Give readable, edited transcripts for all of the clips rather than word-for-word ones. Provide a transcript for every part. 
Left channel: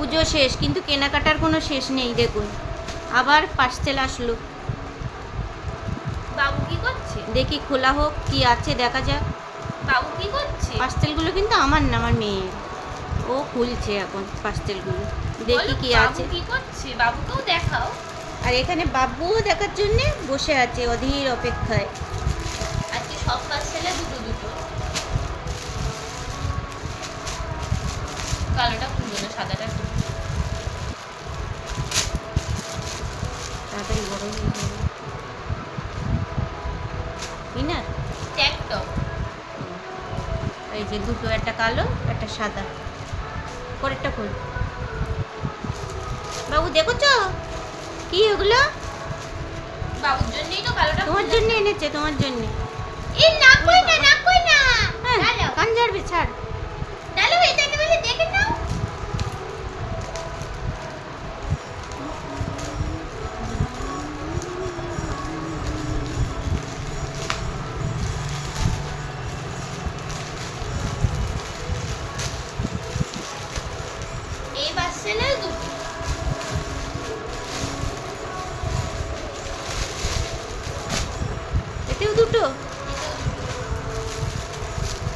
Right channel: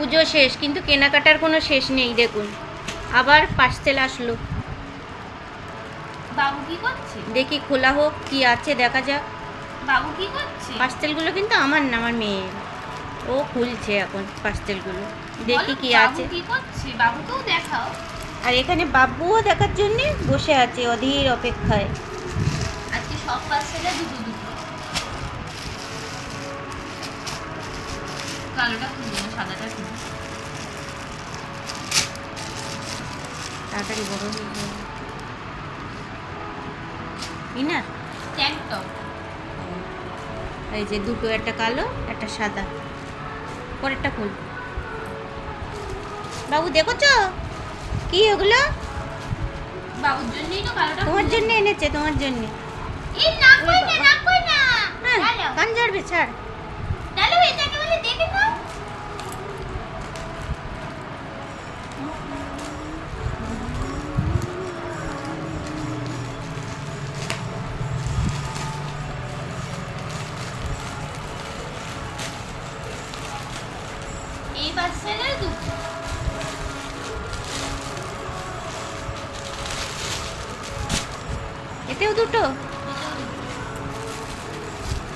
পুজো শেষ, কিন্তু কেনাকাটার কোনো শেষ নেই। দেখুন আবার পার্সেল আসলো। বাবু কি করছে? দেখি খোলা হোক, কি আছে দেখা যাক। বাবু কি করছে? পার্সেলগুলো কিন্তু আমার না, আমার মেয়ের। ও খুলছে এখন পার্সেলগুলো, দেখি কি আছে। বাবু কি করছে? বাবুকেও দেখাও। আর এখানে বাবুও দেখার জন্যে বসে আছে অধীর অপেক্ষায়। আজকে সব পার্সেলে দুটো দুটো। কালোটা খুলবো না, সাদাটা খুলবো। তাড়াতাড়ি বড় হয়ে যাবে। Inner tank top. এই যে দুটো, একটা কালো একটা সাদা। পরেরটা খোল। বাবু দেখোছো কি ওগুলো? বাবুর জন্যই তো কালোটা। তোমার জন্য এনেছে, তোমার জন্য। এই না কই না, না কই না। হ্যাঁ, কান ঝাড়বে, ছাড়। ডালো এটাকে বলে দেখে নাও। এই পার্সেলের দুটো। এতেও দুটো।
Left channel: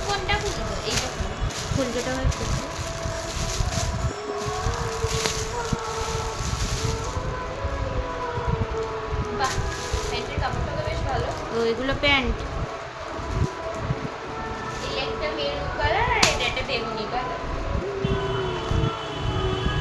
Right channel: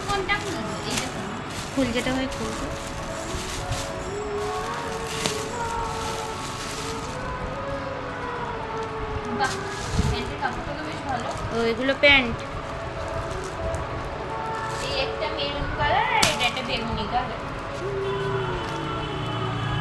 কোনটা খুলবো? এইটা খুলবো। ফুল যেটা হয় খুলবে। বাহ, প্যান্টের কাপড়টা তো বেশ ভালো। তো এগুলো প্যান্ট।